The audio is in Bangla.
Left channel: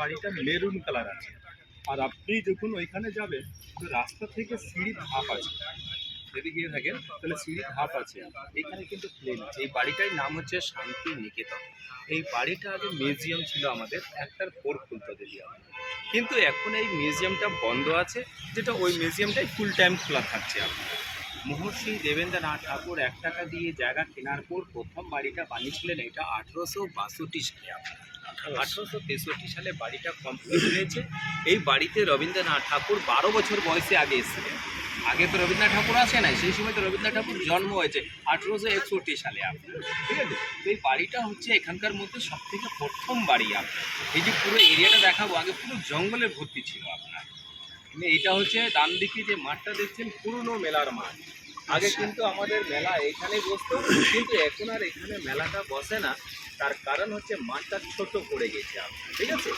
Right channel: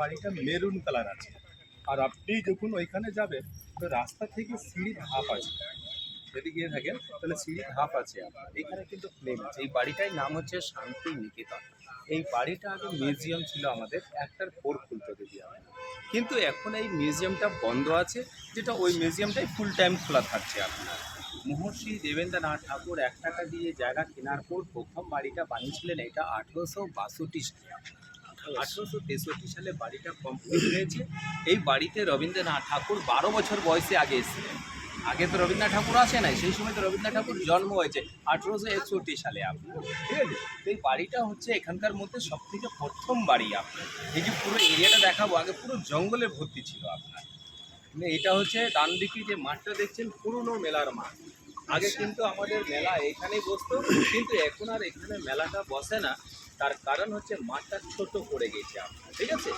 বাড়িটা মেরুন কালার আছে। আর আপনি যখন ওইখানে যাবেন তো রাস্তা থেকে সিঁড়ির ধাপ আছে, যদি গিয়ে থাকেন তাহলে সিঁড়ির ধাপ আছে আপনার। এখানে কিন্তু প্লেন আছে। এই বাড়িটার নাম হচ্ছে শান্তি নিকেতন। এই বাড়িটা আগে মিউজিয়াম ছিল আমাদের, একটার ফোর খুলতো দিদি আমাদের। কিন্তু এখন এই মিউজিয়ামটা বন্ধ আছে, যেটা ওই মিউজিয়ামটাই ফুল টাইম খোলা থাকছে আপনার। মহর্ষি দেবেন্দ্রনাথ ঠাকুর 1 টাকা দিয়ে জায়গা কেনার পর প্রথম বাড়িটা বানিয়েছিলেন, এটা 1862 সালে আপনার। 1863 সালে বাড়িটা কমপ্লিট হয়েছে। এই বাড়িতে রবীন্দ্রনাথ ঠাকুর 12 বছর বয়সে আগে এসেছিলেন। আগে তো রবীন্দ্রনাথ ঠাকুর আসে নাই, সেই সময় তো রবীন্দ্রনাথ ঠাকুর জন্ম হয়েছে 1861 সালে আপনার। ঠিক আছে, তো এই বাড়িটা হচ্ছে এখানকার মধ্যে সব থেকে প্রথম বাড়ি আপনার। এই যে পুরো এরিয়াটা দেখাবো, আগে পুরো জঙ্গলে ভর্তি ছিল আপনার। মানে এটা হচ্ছে ডান দিকে যে মাঠটা দেখছেন, পুরনো মেলার মাঠ। আগে কিন্তু আমাদের মেলা এখানেই বসতো, কিন্তু এখন আর এখানে মেলাটা বসে না। তার কারণ হচ্ছে মাঠটা ছোট পড়ে গেছে আপনার। ঠিক আছে,